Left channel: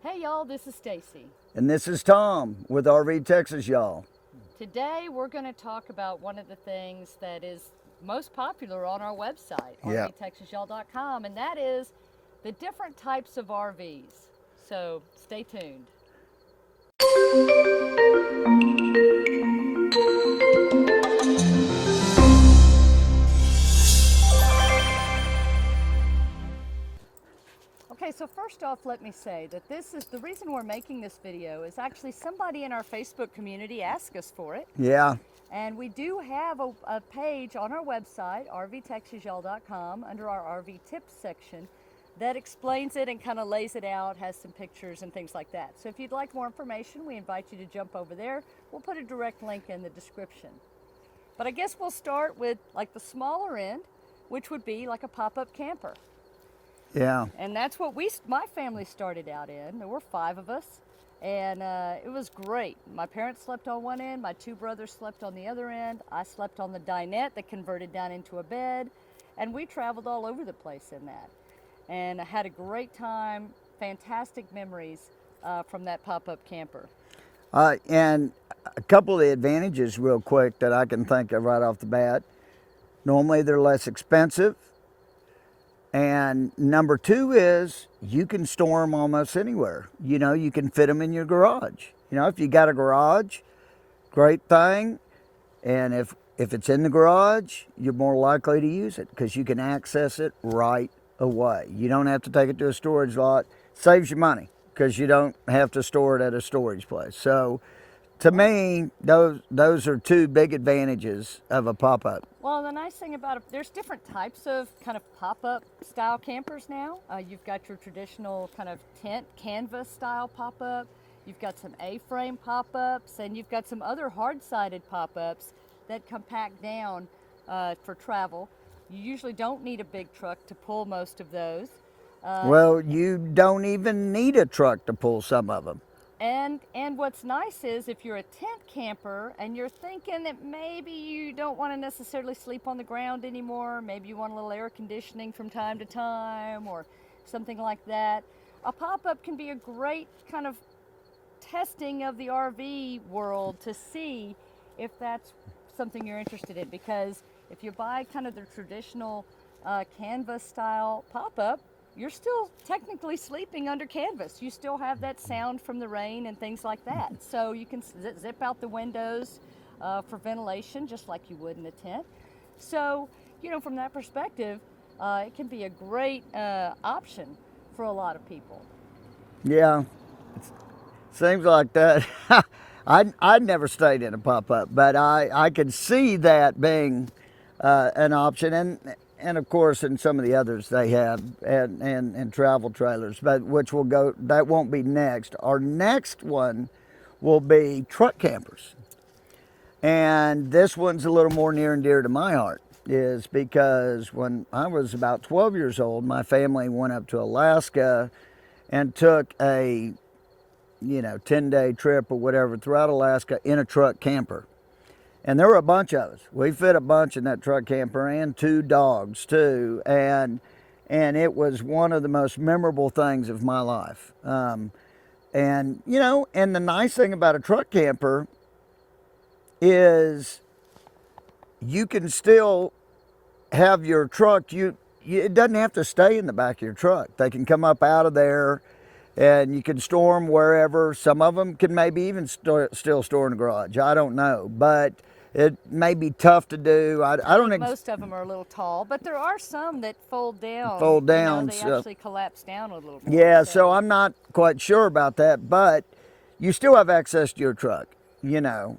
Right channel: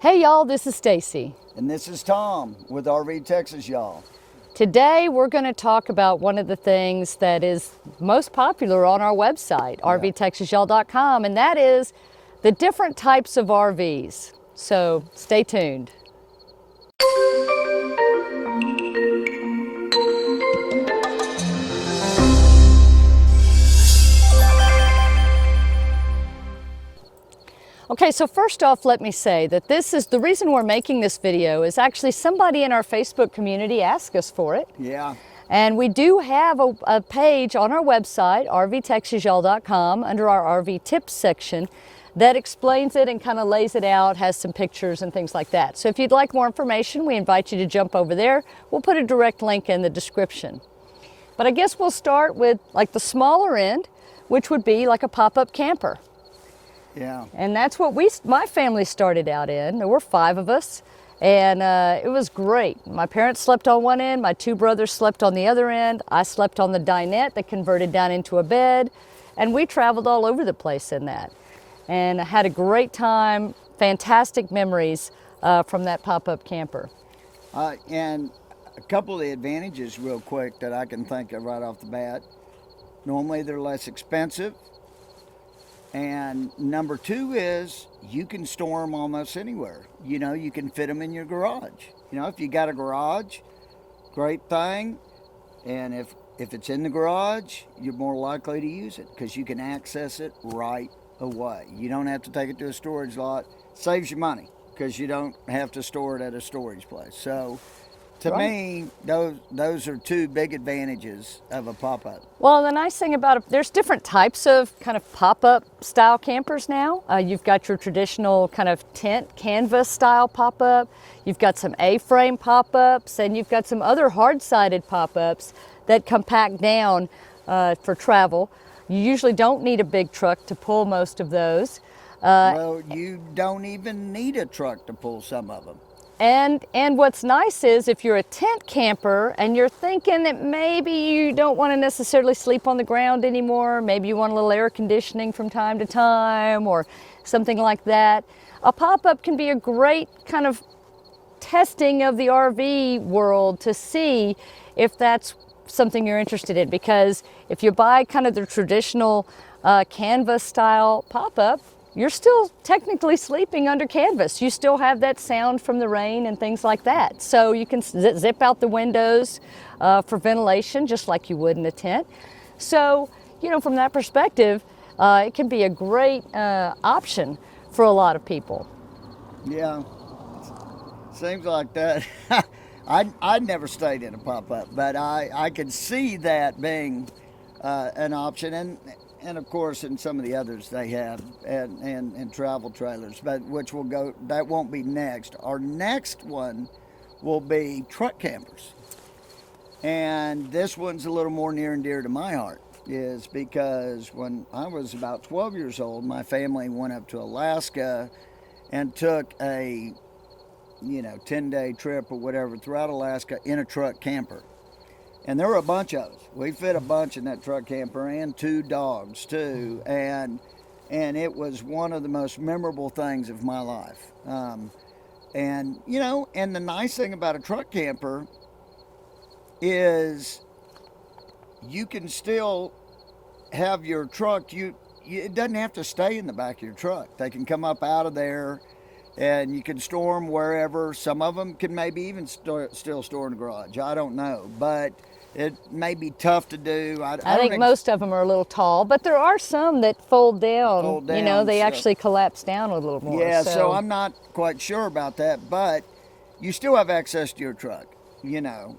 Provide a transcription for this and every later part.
Hey y'all, this is Stacy. And this is Tom with RV Texas, y'all. Today we're going to talk about one of the things that is most popular on our website, rvtexasyall.com, and that is the different types of RVs. So stay tuned. Okay, so first off, let me say that the reason we're making this video is actually somebody in our Facebook community asked us for it. Yeah. And we do have a page on our website, rvtexasyall.com, under our RV tips section that explains it and kind of lays it out, has some pictures and things like that. So if you'd like more information, we invite you to jump over there. We'll put a direct link in the description. But I guess we'll start with like the smaller end, which would be like a pop-up camper. Yeah. And that's what my family started out in. There were 5 of us, and it was great. My parents slept on one end, my 2 brothers slept on the other end. I slept on the dinette that converted down into a bed, and we traveled all over the place in that. And I had a great time, fantastic memories from that pop-up camper. And a couple of the advantages real quick that I can think of right off the bat. Normally they're less expensive. And number 2 is you can store them almost anywhere. You know, you can fit them in your garage. You know, if you got a garage, great thing. And if it's in the garage, you're more likely to use it because you can access it right away. You don't have to take it to a storage lot. Saves you money because you don't have to store it at a storage place. So to me, those are 2 big advantages of a pop-up. Well, the nice thing about it, there's different types of kind of pop-up style campers now. You've got your traditional kind of tent canvas style pop-up. You've got some A-frame pop-ups, and you've got some other hard-sided pop-ups that compact down for travel. You usually don't need a big truck to pull most of those. Well, you don't even need a truck to pull some of them. And what's nice is if you're a tent camper and you're thinking that maybe you don't want to necessarily sleep on the ground anymore, maybe you want a little air conditioning from time to time or something like that, a pop-up can be a great kind of testing of the RV world to see if that's something you're interested in. Because if you buy kind of the traditional canvas style pop-up, you're still technically sleeping under canvas. You still have that sound from the rain and things like that. So you can zip out the windows for ventilation just like you would in a tent. So, you know, from that perspective, it can be a great option for a lot of people. Yeah, seems like that. I'd never stayed in a pop-up, but I could see that being an option. And of course, in some of the others they have, and travel trailers, but that won't be next. Our next one will be truck campers. And this one's a little more near and dear to my heart, is because when I was about 12 years old, my family went up to Alaska and took a 10-day trip or whatever throughout Alaska in a truck camper. And there were a bunch of us. We fit a bunch in that truck camper, and 2 dogs too. And it was one of the most memorable things of my life. And the nice thing about a truck camper is you can still have your truck. It doesn't have to stay in the back of your truck. They can come up out of there, and you can store them wherever. Some of them can maybe even still store in the garage. I don't know, but it may be tough to do. I think most of them are a little tall, but there are some that fold down. You know, they actually collapse down a little more. Yeah, so I'm not quite sure about that, but you still have access to your truck, you know.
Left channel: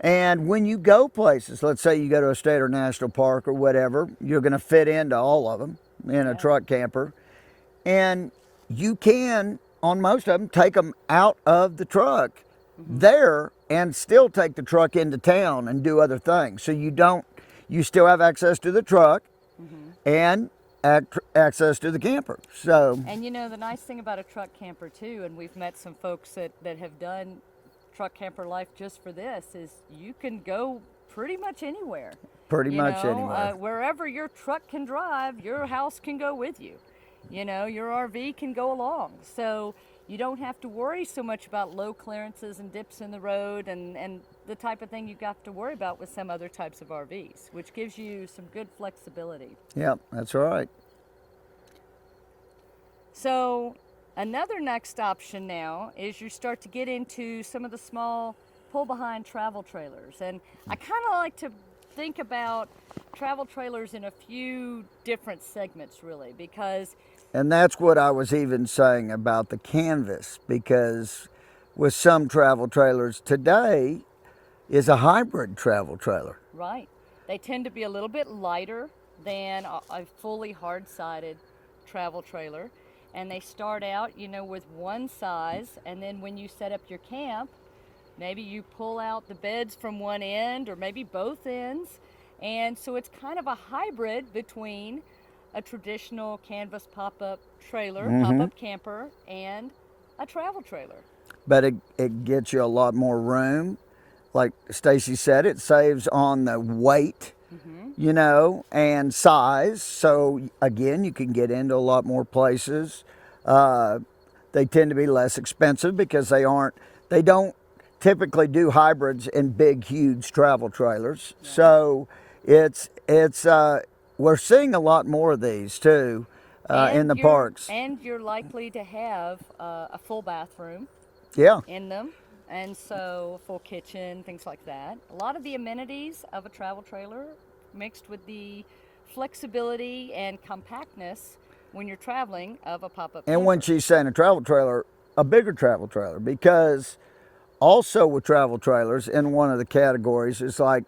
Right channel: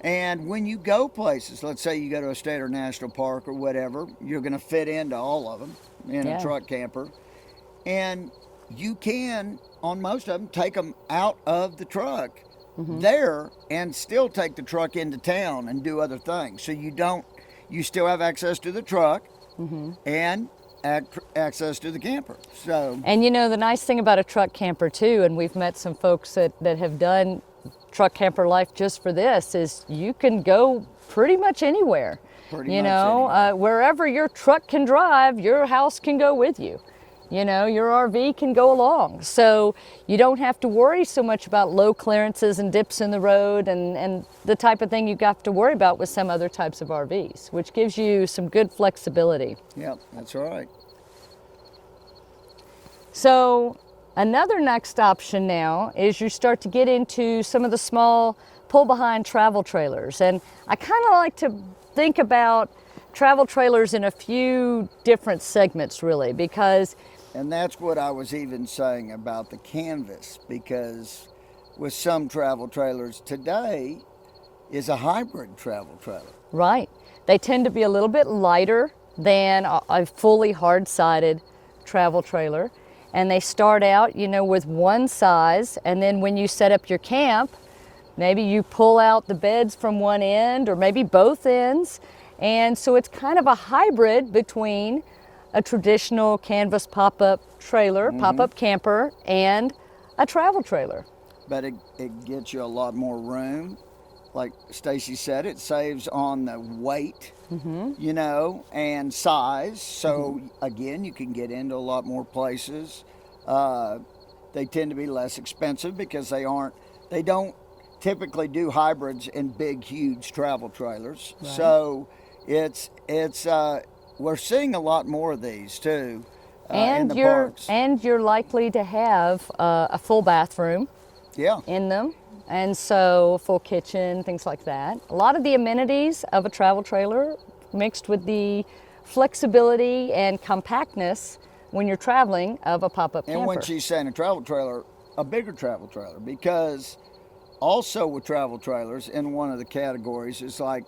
And when you go places, let's say you go to a state or national park or whatever, you're going to fit into all of them in a truck camper. And you can, on most of them, take them out of the truck there and still take the truck into town and do other things. So you still have access to the truck and access to the camper. So, and you know, the nice thing about a truck camper too, and we've met some folks that have done truck camper life just for this, is you can go pretty much anywhere. Pretty much anywhere. Wherever your truck can drive, your house can go with you. you know, your RV can go along. So you don't have to worry so much about low clearances and dips in the road and the type of thing you have to worry about with some other types of RVs, which gives you some good flexibility. Yep, that's right. So another next option now is you start to get into some of the small pull-behind travel trailers. And I kind of like to think about travel trailers in a few different segments, really, because... And that's what I was even saying about the canvas, because with some travel trailers today is a hybrid travel trailer. Right. They tend to be a little bit lighter than a fully hard-sided travel trailer. And they start out, you know, with one size, and then when you set up your camp, maybe you pull out the beds from one end or maybe both ends. And so it's kind of a hybrid between a traditional canvas pop-up trailer, pop-up camper, and a travel trailer. But it gets you a lot more room. Like Stacy said, it saves on the weight, you know, and size. So again, you can get into a lot more places. They tend to be less expensive because they don't typically do hybrids in big, huge travel trailers. Right. So we're seeing a lot more of these too in the parks. And you're likely to have a full bathroom in them. And so full kitchen, things like that. A lot of the amenities of a travel trailer mixed with the flexibility and compactness when you're traveling of a pop-up camper. And when she's saying a travel trailer, a bigger travel trailer, because also with travel trailers, in one of the categories is like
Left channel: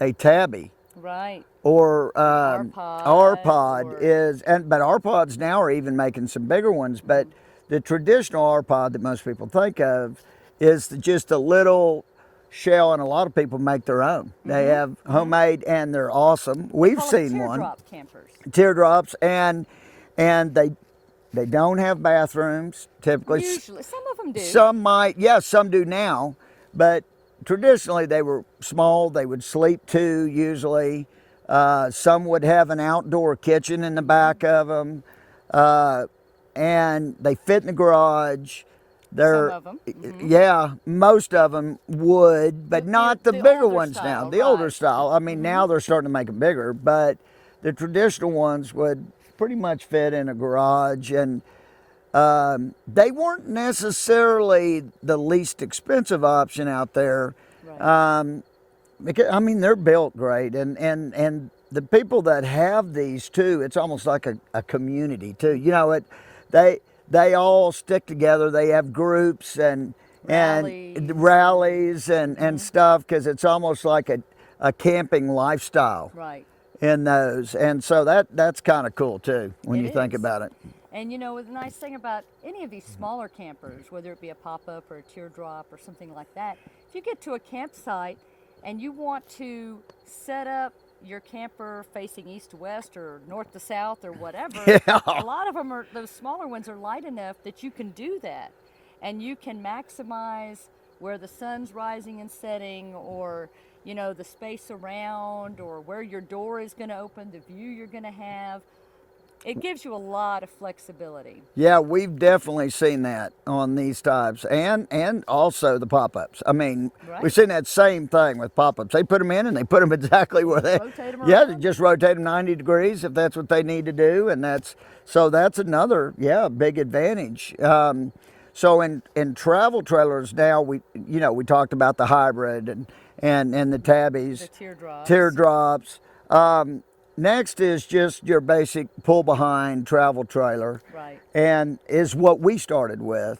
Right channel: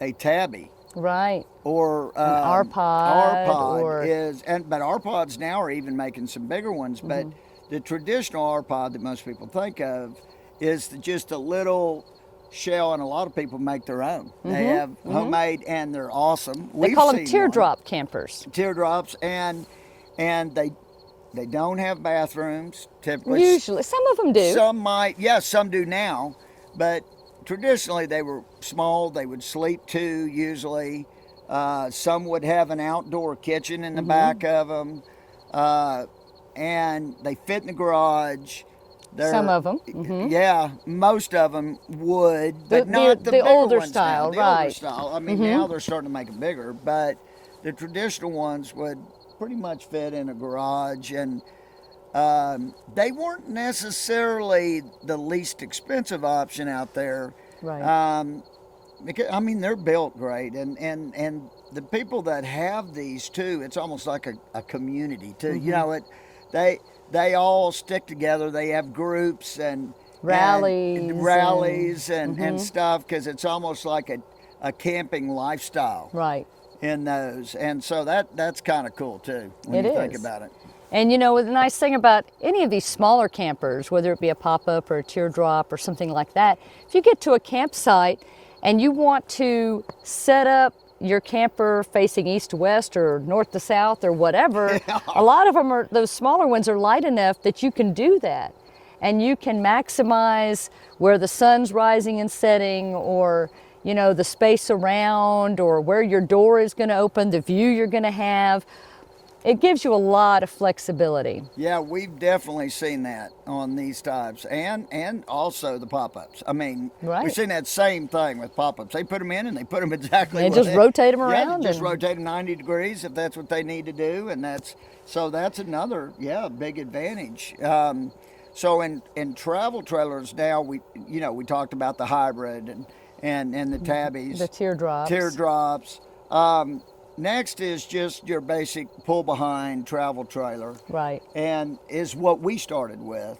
a tabby. Right. Or RPod but RPods now are even making some bigger ones. But the traditional RPod that most people think of is just a little shell, and a lot of people make their own. They have homemade, and they're awesome. They call them teardrop campers. Teardrops, and they don't have bathrooms typically. Usually, some of them do. Some might, some do now, but traditionally they were small. They would sleep two usually. Some would have an outdoor kitchen in the back of them, and they fit in the garage. Some of them. Yeah, most of them would, but not the bigger ones style, now. The older style. I mean, now they're starting to make them bigger, but the traditional ones would pretty much fit in a garage, and they weren't necessarily the least expensive option out there. Right. Because, I mean, they're built great, and the people that have these too, it's almost like a community too. You know, they all stick together. They have groups and rallies and stuff, because it's almost like a camping lifestyle. Right. In those, and so that's kind of cool too when you think about it. And you know, the nice thing about any of these smaller campers, whether it be a pop-up or a teardrop or something like that, if you get to a campsite and you want to set up your camper facing east to west or north to south or whatever, a lot of them are, those smaller ones are light enough that you can do that. And you can maximize where the sun's rising and setting, or you know, the space around, or where your door is going to open, the view you're going to have. It gives you a lot of flexibility. Yeah, we've definitely seen that on these types, and also the pop-ups. I mean, we've seen that same thing with pop-ups. They put them in, and they put them exactly where they rotate them around. Yeah, they just rotate them 90 degrees if that's what they need to do, and that's another big advantage. So in travel trailers now, we talked about the hybrid and the tabbies, the teardrops. Next is just your basic pull-behind travel trailer, right? And is what we started with,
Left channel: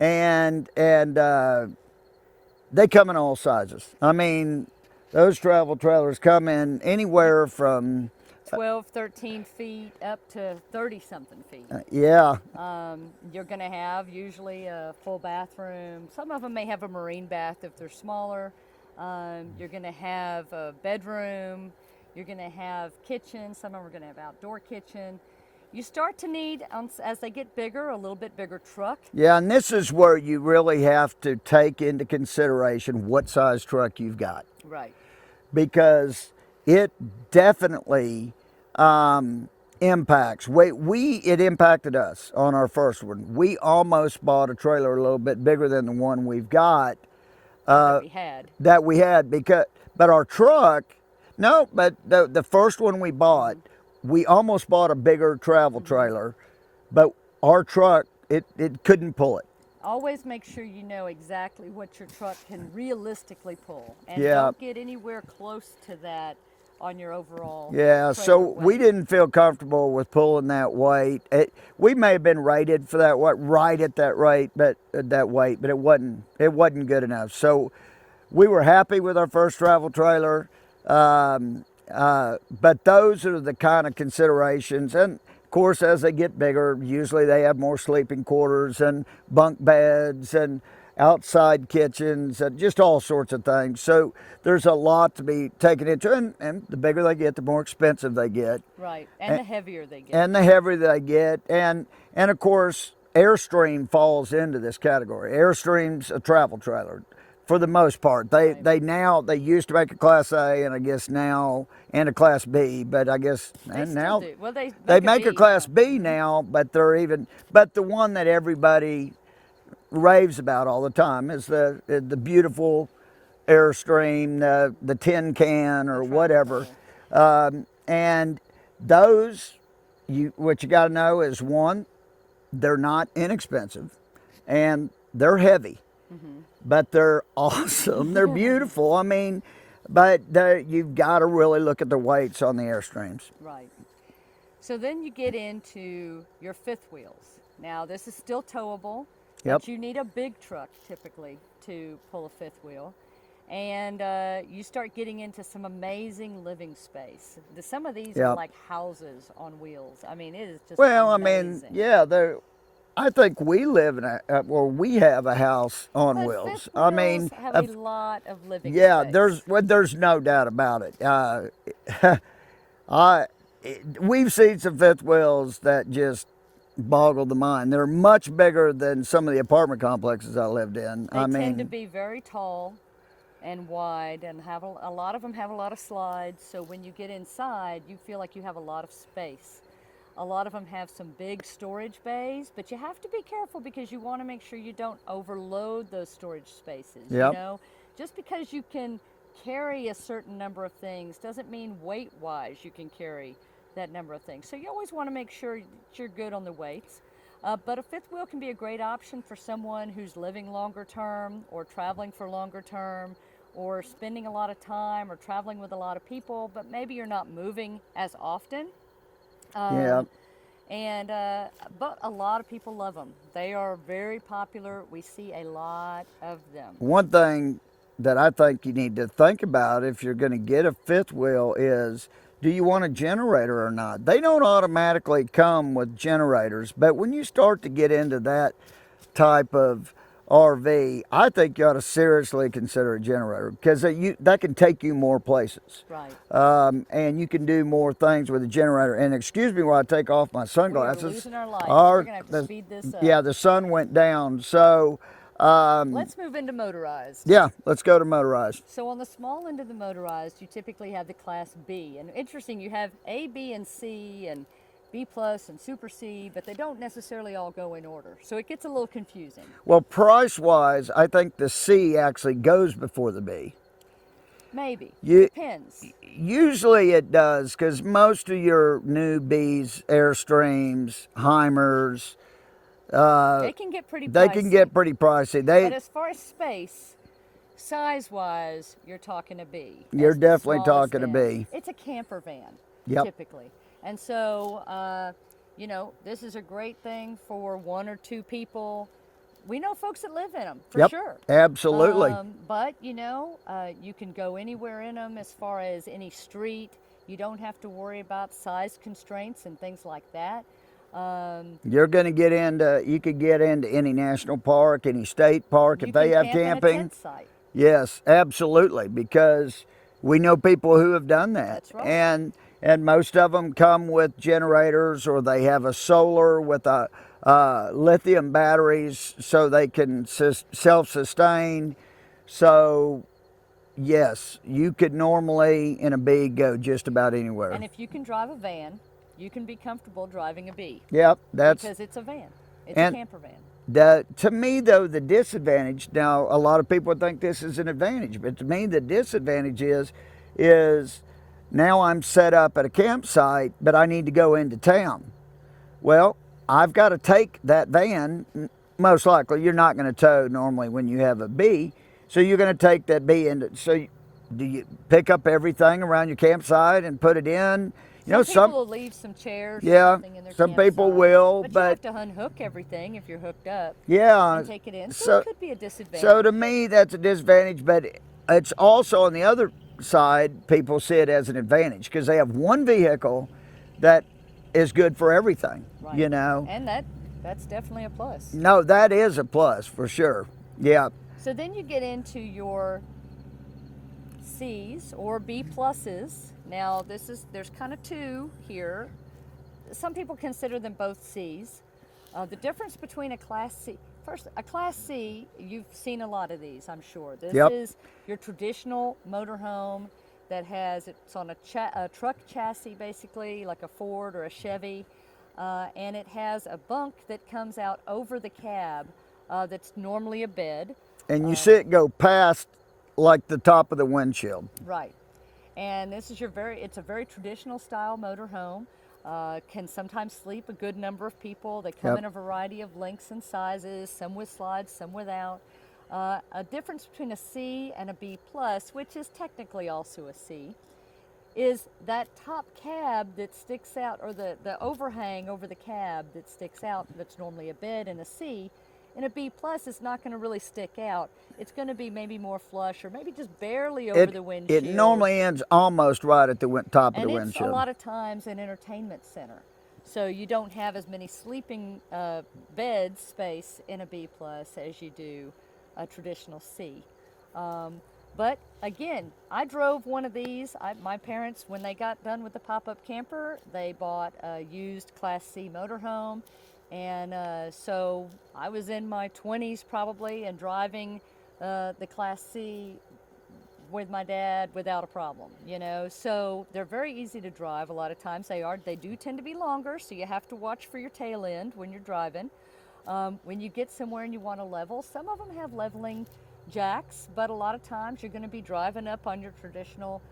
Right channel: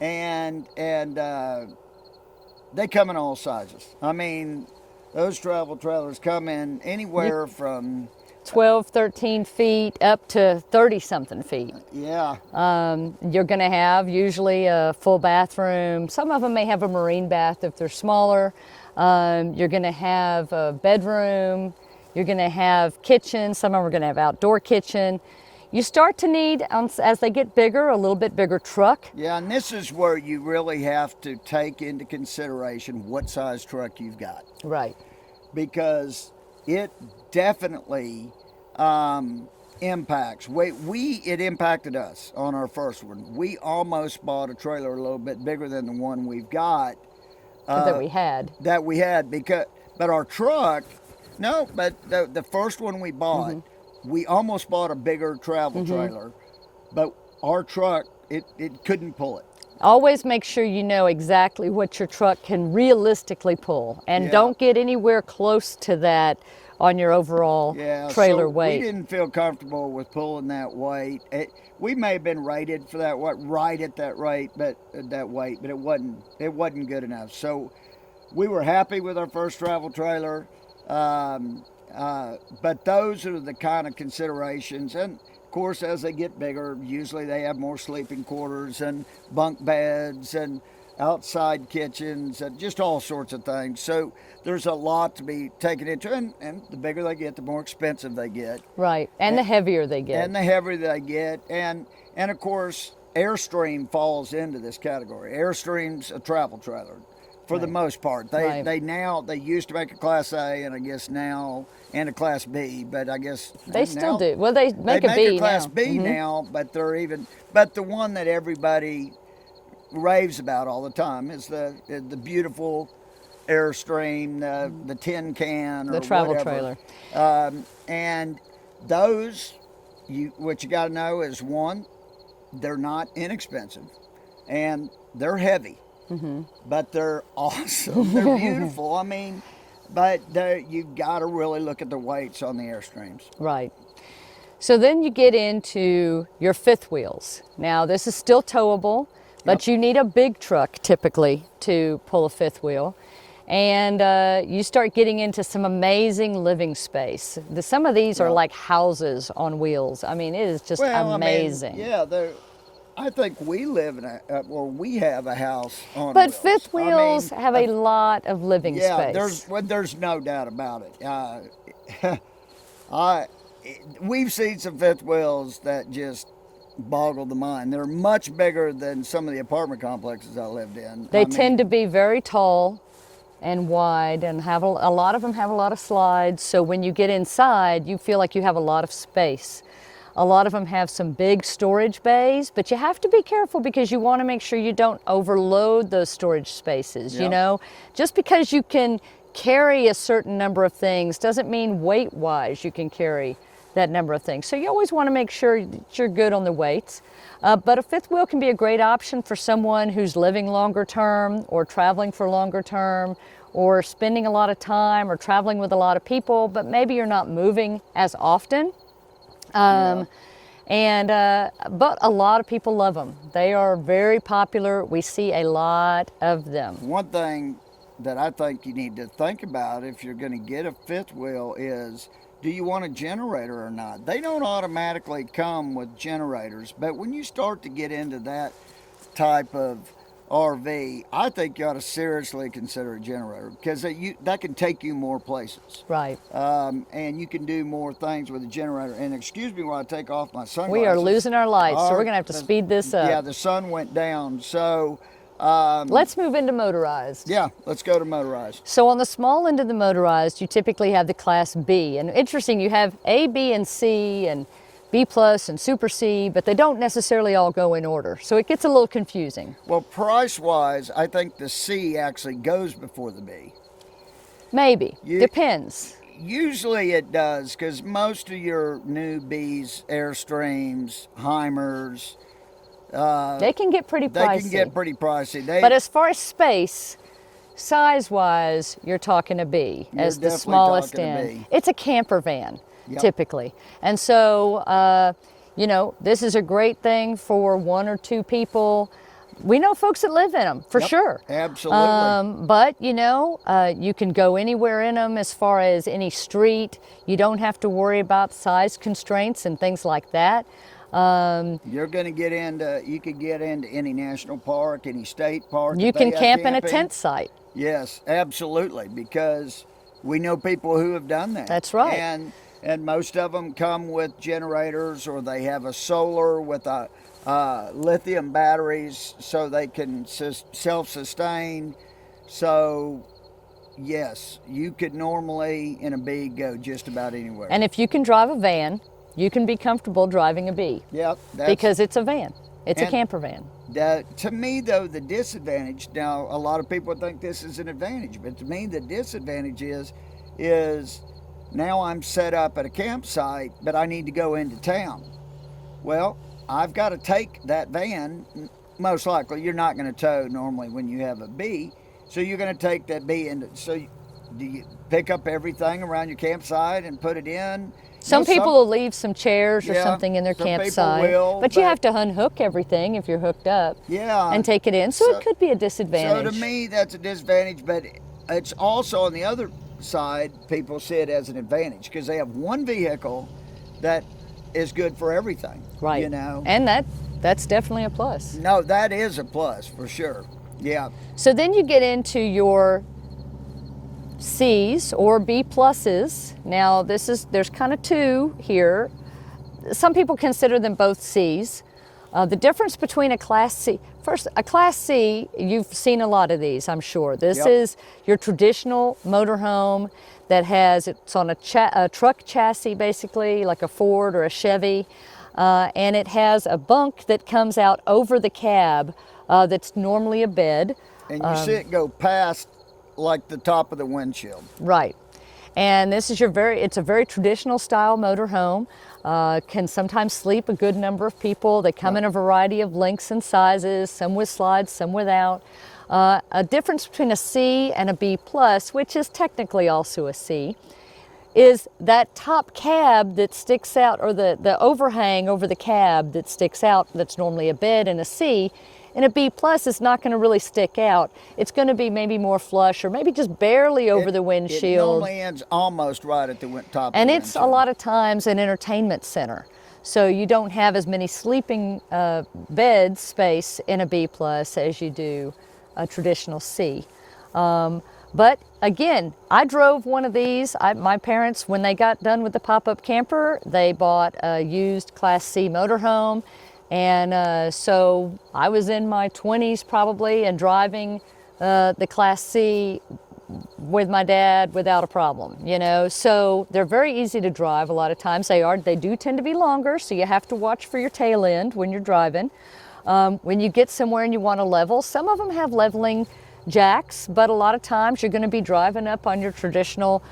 and they come in all sizes. I mean, those travel trailers come in anywhere from 12, 13 feet up to 30-something feet. Yeah. You're going to have usually a full bathroom. Some of them may have a marine bath if they're smaller. You're going to have a bedroom. You're going to have kitchen. Some of them are going to have outdoor kitchen. You start to need, as they get bigger, a little bit bigger truck. Yeah, and this is where you really have to take into consideration what size truck you've got. Right. Because it definitely impacts. It impacted us on our first one. We almost bought a trailer a little bit bigger than the one we've got. That we had. But our truck, no, but the first one we bought, we almost bought a bigger travel trailer, but our truck, it couldn't pull it. Always make sure you know exactly what your truck can realistically pull, and Yeah. don't get anywhere close to that on your overall trailer weight. We didn't feel comfortable with pulling that weight. We may have been rated for that right at that rate, but it wasn't good enough. So we were happy with our first travel trailer, but those are the kind of considerations. And of course, as they get bigger, usually they have more sleeping quarters and bunk beds and outside kitchens and just all sorts of things. So there's a lot to be taken into, and the bigger they get, the more expensive they get. Right, and the heavier they get. And the heavier they get, and of course, Airstream falls into this category. Airstream's a travel trailer, for the most part. They used to make a Class A, and I guess now, and a Class B, but I guess they still do. Well, they make a B a Class now. B now, but but the one that everybody raves about all the time is the beautiful Airstream, the tin can or the travel whatever. trailer. And those, what you got to know is, one, they're not inexpensive, and they're heavy, but they're awesome. They're beautiful. I mean, but you've got to really look at the weights on the Airstreams. Right. So then you get into your fifth wheels. Now, this is still towable, but you need a big truck typically to pull a fifth wheel. And you start getting into some amazing living space. Some of these are like houses on wheels. I mean, it is just amazing. I think we live in we have a house on but wheels. But fifth wheels have a lot of living space. Yeah, there's no doubt about it. We've seen some fifth wheels that just boggle the mind. They're much bigger than some of the apartment complexes I lived in. They tend to be very tall and wide, and have a lot of them have a lot of slides. So when you get inside, you feel like you have a lot of space. A lot of them have some big storage bays, but you have to be careful because you want to make sure you don't overload those storage spaces. You know, just because you can carry a certain number of things doesn't mean weight-wise you can carry that number of things. So you always want to make sure that you're good on the weights. But a fifth wheel can be a great option for someone who's living longer term or traveling for longer term or spending a lot of time or traveling with a lot of people, but maybe you're not moving as often. But a lot of people love them. They are very popular. We see a lot of them. One thing that I think you need to think about if you're going to get a fifth wheel is, do you want a generator or not? They don't automatically come with generators, but when you start to get into that type of RV, I think you ought to seriously consider a generator because that can take you more places. Right. And you can do more things with a generator. And excuse me while I take off my sunglasses. We are losing our lights, so we're going to have to speed this up. Yeah, the sun went down, so... let's move into motorized. Yeah, let's go to motorized. So on the small end of the motorized, you typically have the Class B. And interesting, you have A, B, and C, and B plus and Super C, but they don't necessarily all go in order. So it gets a little confusing. Well, price-wise, I think the C actually goes before the B. Maybe. Depends. Usually it does, because most of your new Bs, Airstreams, Heimers, they can get pretty pricey. They can get pretty pricey. But as far as space, size-wise, you're talking a B. You're definitely talking a B. It's a camper van, typically. And so, you know, this is a great thing for one or two people. We know folks that live in them, for sure. Absolutely. But, you know, you can go anywhere in them as far as any street. You don't have to worry about size constraints and things like that. You could get into any national park, any state park. You can camp in a tent site. Yes, absolutely, because we know people who have done that. That's right. And most of them come with generators, or they have a solar with a lithium batteries so they can self-sustain. So yes, you could normally in a B go just about anywhere. And if you can drive a van, You can be comfortable driving a B. Yep. Because it's a van. It's a and camper van. To me, though, the disadvantage, now a lot of people think this is an advantage, but to me the disadvantage is now I'm set up at a campsite, but I need to go into town. Well, I've got to take that van. Most likely you're not going to tow normally when you have a B, so you're going to take that B into, do you pick up everything around your campsite and put it in? Some people will leave some chairs or something in their campsite. Some people will. But you have to unhook everything if you're hooked up. Yeah. And take it in. So it could be a disadvantage. So to me, that's a disadvantage, but it's also on the other side, people see it as an advantage because they have one vehicle that is good for everything. Right. You know? And that's definitely a plus. No, that is a plus for sure. Yeah. So then you get into your C's or B pluses. Now there's kind of two here. Some people consider them both C's. The difference between a Class C, first, a Class C, you've seen a lot of these, I'm sure. This is your traditional motorhome that it's on a truck chassis basically, like a Ford or a Chevy, and it has a bunk that comes out over the cab that's normally a bed. And you see it go past like the top of the windshield. Right. And this is it's a very traditional style motorhome. Can sometimes sleep a good number of people. They come in a variety of lengths and sizes, some with slides, some without. A difference between a C and a B plus, which is technically also a C, is that top cab that sticks out, or the overhang over the cab that sticks out, that's normally a bed in a C. In a B plus, it's not going to really stick out. It's going to be maybe more flush or maybe just barely over the windshield. It normally ends almost right at the top of the windshield. And it's a lot of times an entertainment center. So you don't have as many sleeping bed space in a B plus as you do a traditional C. But again, I drove one of these. My parents, when they got done with the pop-up camper, they bought a used Class C motorhome. And so I was in my 20s probably and driving the Class C with my dad without a problem, you know. So they're very easy to drive a lot of times. They do tend to be longer, so you have to watch for your tail end when you're driving. When you get somewhere and you want to level, some of them have leveling jacks, but a lot of times you're going to be driving up on your traditional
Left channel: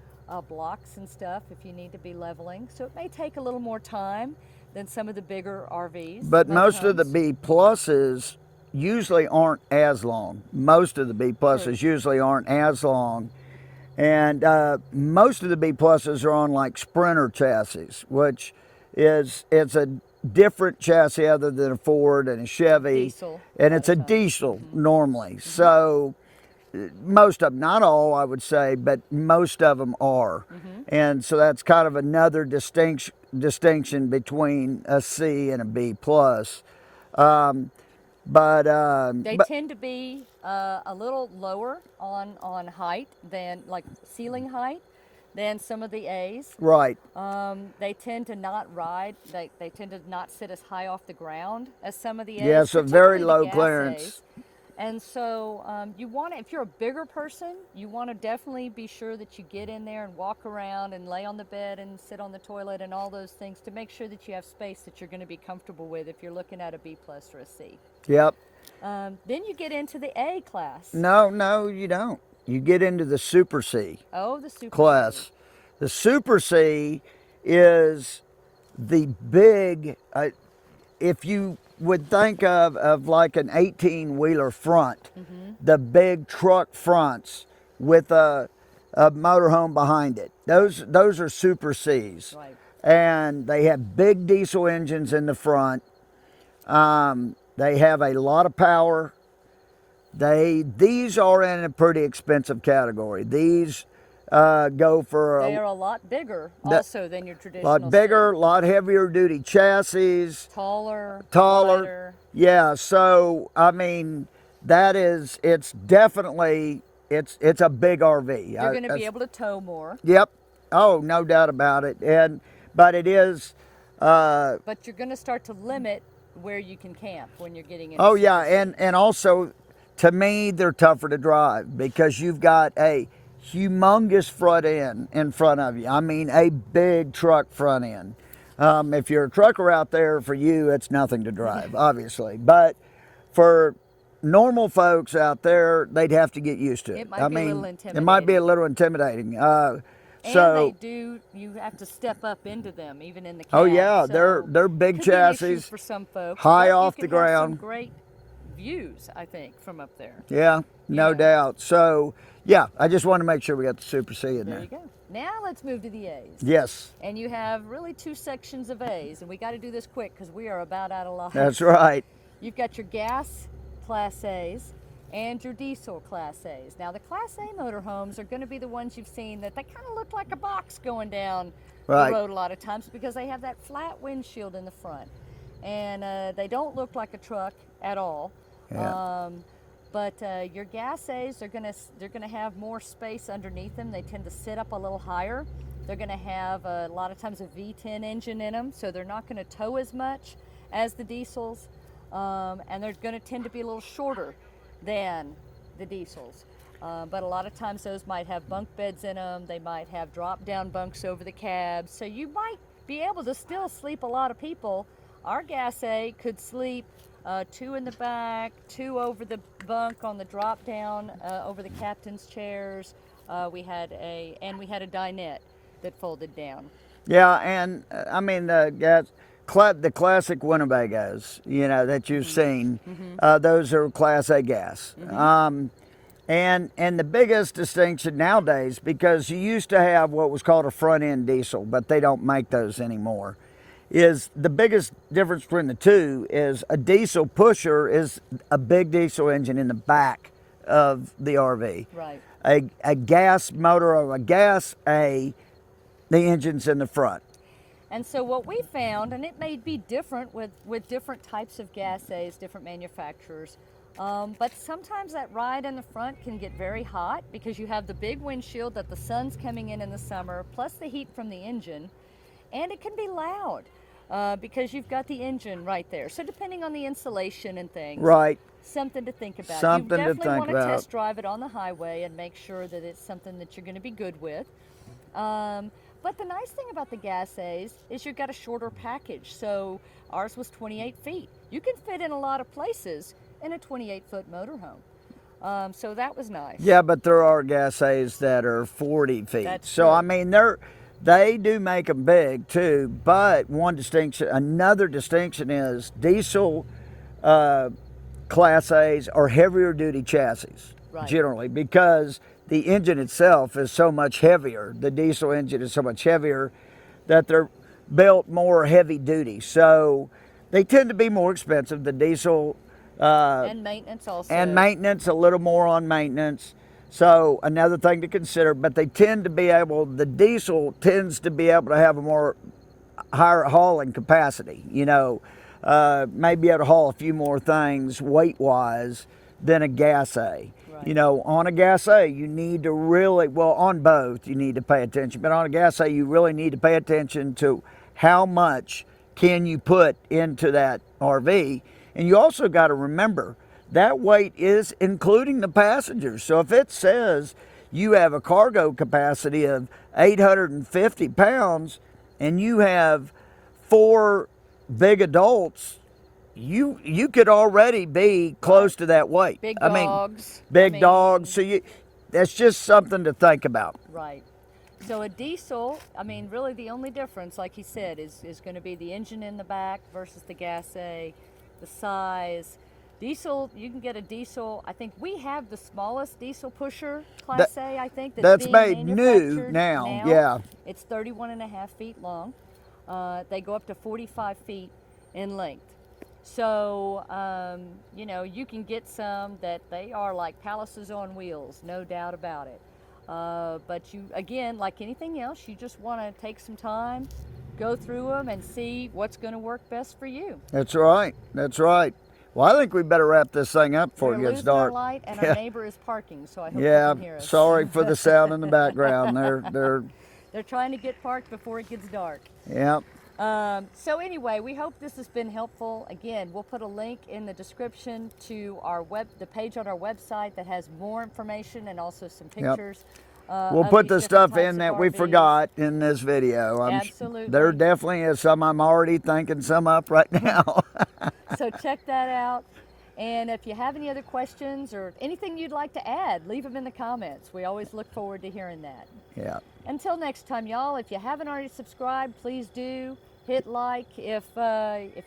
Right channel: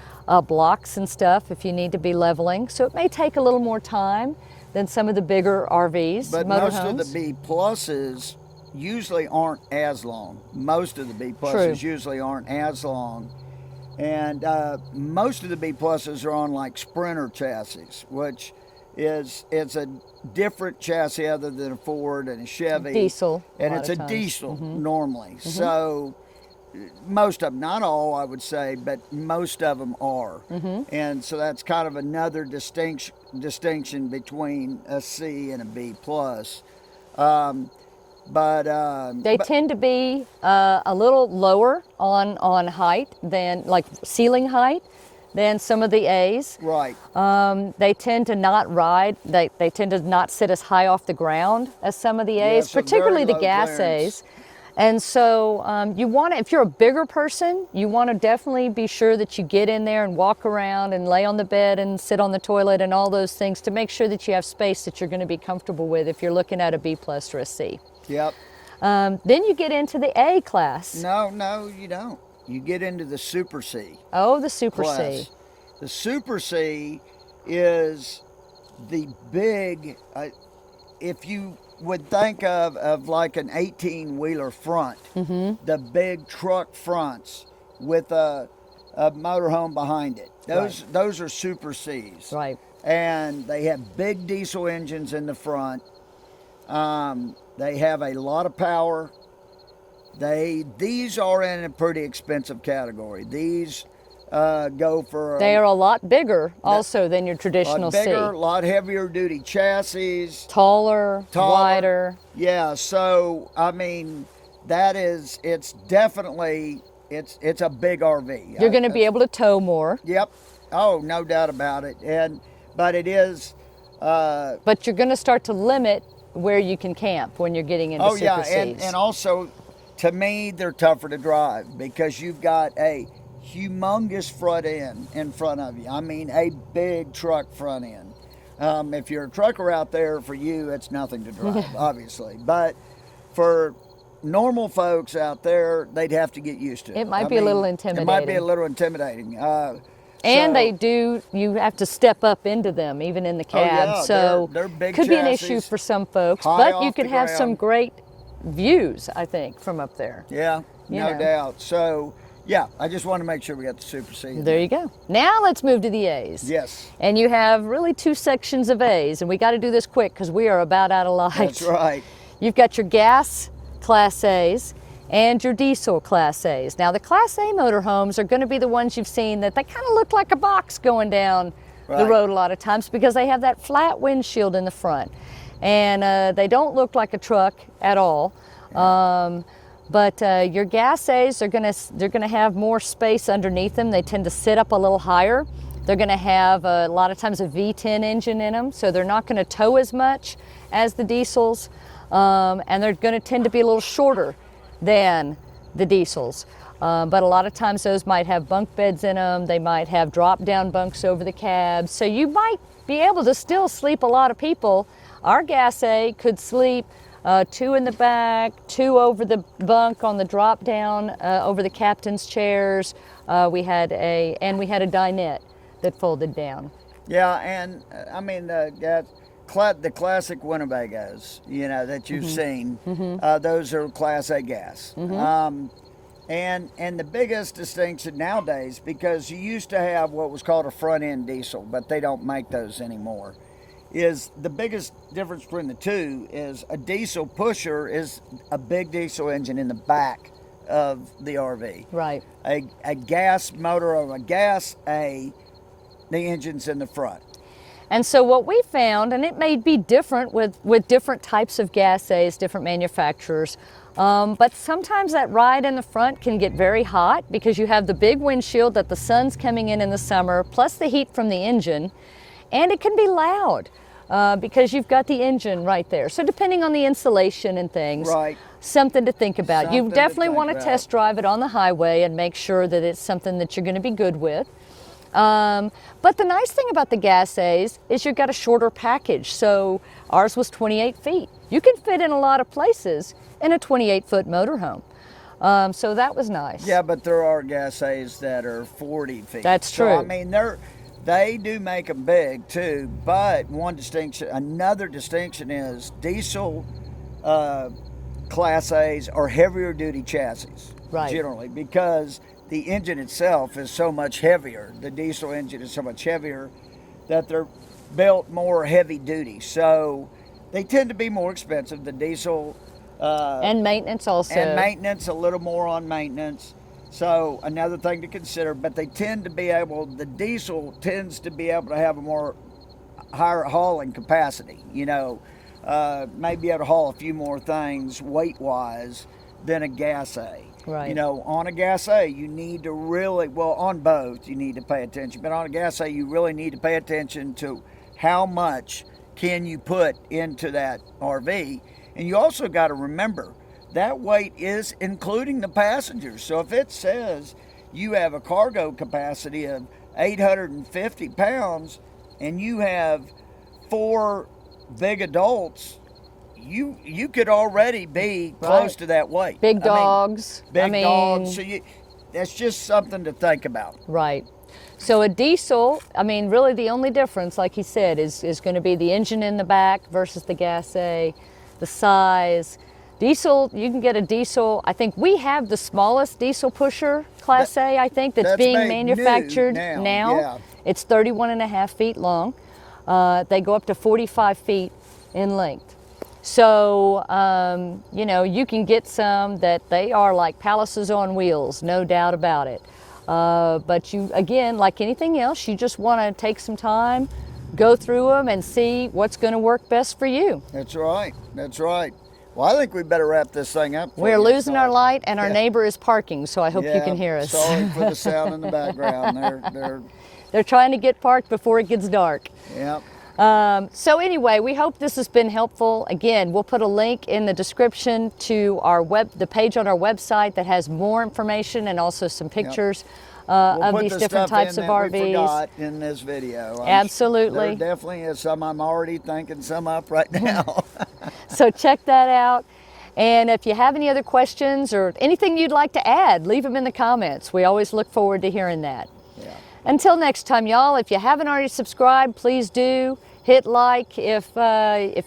blocks and stuff if you need to be leveling. So it may take a little more time than some of the bigger RVs. But most of the B pluses usually aren't as long. Most of the B pluses usually aren't as long. And most of the B pluses are on like Sprinter chassis, which it's a different chassis other than a Ford and a Chevy. Diesel. And it's a diesel normally. So most of them, not all I would say, but most of them are. And so that's kind of another distinction between a C and a B plus. They tend to be a little lower on height than, like ceiling height, than some of the A's. Right. They tend to not ride, they tend to not sit as high off the ground as some of the A's, so particularly very the gas clearance. A's. And so you want to, if you're a bigger person, you want to definitely be sure that you get in there and walk around and lay on the bed and sit on the toilet and all those things to make sure that you have space that you're going to be comfortable with if you're looking at a B plus or a C. Yep. Then you get into the A class. No, you don't. You get into the Super C. Oh, the Super class. C. The Super C is the big, if you would think of like an 18-wheeler front, the big truck fronts with a motorhome behind it. Those are Super Cs. Right. And they have big diesel engines in the front. They have a lot of power. These are in a pretty expensive category. These go for They are a lot bigger also than your a traditional lot bigger, C. lot heavier duty chassis. Taller, wider. Yeah, so I mean, it's definitely a big RV. You're going to be able to tow more. Yep. Oh, no doubt about it. But it is. But you're going to start to limit where you can camp when you're getting into Super Cs. and also, to me, they're tougher to drive because you've got a humongous front end in front of you. I mean, a big truck front end. If you're a trucker out there, for you, it's nothing to drive, obviously. But for normal folks out there, they'd have to get used to it. It might be a little intimidating. It might be a little intimidating. And you have to step up into them, even in the cab. Oh yeah, so they're big could chassis. be an issue for some folks, high but you off could the have some ground. great views, I think, from up there. Yeah, no Yeah. doubt. So, yeah, I just want to make sure we got the Super C in There you go. Now let's move to the A's. Yes, And you have really two sections of A's, and we got to do this quick because we are about out of light. that's right. You've got your gas Class A's and your diesel Class A's. Now the Class A motorhomes are going to be the ones you've seen that they kind of look like a box going down Right. the road a lot of times because they have that flat windshield in the front. And they don't look like a truck at all. Yeah. But your gas A's they're gonna have more space underneath them. They tend to sit up a little higher. They're gonna have a lot of times a V10 engine in them, so they're not gonna tow as much as the diesels, and they're gonna tend to be a little shorter than the diesels. But a lot of times those might have bunk beds in them. They might have drop-down bunks over the cabs, so you might be able to still sleep a lot of people. Our gas A could sleep 2 in the back, 2 over the bunk on the drop down, over the captain's chairs. We had a dinette that folded down. Yeah, and I mean the classic Winnebagos, that you've seen. Those are Class A gas. And the biggest distinction nowadays, because you used to have what was called a front end diesel, but they don't make those anymore, is the biggest difference between the two is a diesel pusher is a big diesel engine in the back of the RV. Right. A gas motor or a gas A, the engine's in the front. And so what we found, and it may be different with different types of gas A's, different manufacturers, but sometimes that ride in the front can get very hot because you have the big windshield that the sun's coming in the summer, plus the heat from the engine, and it can be loud because you've got the engine right there. So depending on the insulation and things, Right. something to think about. Something You to definitely think want to about. test drive it on the highway and make sure that it's something that you're going to be good with. But the nice thing about the gas A's is you've got a shorter package. So ours was 28 feet. You can fit in a lot of places in a 28-foot motorhome. So that was nice. Yeah, but there are gas A's that are 40 feet. That's So I true. mean, they do make them big too. But another distinction is diesel Class A's are heavier duty chassis, Right. generally, because the engine itself is so much heavier. The diesel engine is so much heavier that they're built more heavy duty. So they tend to be more expensive. The diesel And maintenance also. and maintenance, a little more on maintenance. So another thing to consider, but they tend to be the diesel tends to be able to have a more higher hauling capacity, maybe able to haul a few more things weight-wise than a gas A. Right. On a gas A, you need to on both, you need to pay attention, but on a gas A, you really need to pay attention to how much can you put into that RV. And you also got to remember, that weight is including the passengers. So if it says you have a cargo capacity of 850 pounds and you have 4 big adults, you could already be close Right. to that weight. Big dogs. Big dogs. So that's just something to think about. Right. So a diesel, really the only difference, like he said, is going to be the engine in the back versus the gas A, the size. Diesel, you can get a diesel. I think we have the smallest diesel pusher, Class A, I think, that's being made new manufactured now, yeah. It's 31.5 feet long. They go up to 45 feet in length. So, you can get some that they are like palaces on wheels, no doubt about it. But you, again, like anything else, you just want to take some time, go through them and see what's going to work best for you. That's right. That's right. Well, I think we better wrap this thing up. before We're it gets losing our dark. light and our Yeah. neighbor is parking, so I hope you Yeah, can hear us. Sorry for the sound in the background. They're They're trying to get parked before it gets dark. yeah. So anyway, we hope this has been helpful. Again, we'll put a link in the description to the page on our website that has more information and also some pictures. We'll of put these the different stuff in types of that we RVs. forgot in this video. Absolutely. There definitely is some. I'm already thinking some up right now. So check that out. And if you have any other questions or anything you'd like to add, leave them in the comments. We always look forward to hearing that. Yeah. Until next time, y'all, if you haven't already subscribed, please do. Hit like if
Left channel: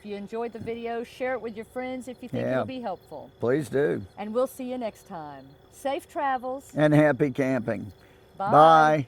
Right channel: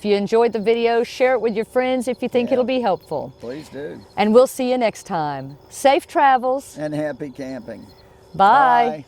you enjoyed the video. Share it with your friends if you think Yeah. it'll be helpful. Please do. And we'll see you next time. Safe travels. And happy camping. Bye. Bye.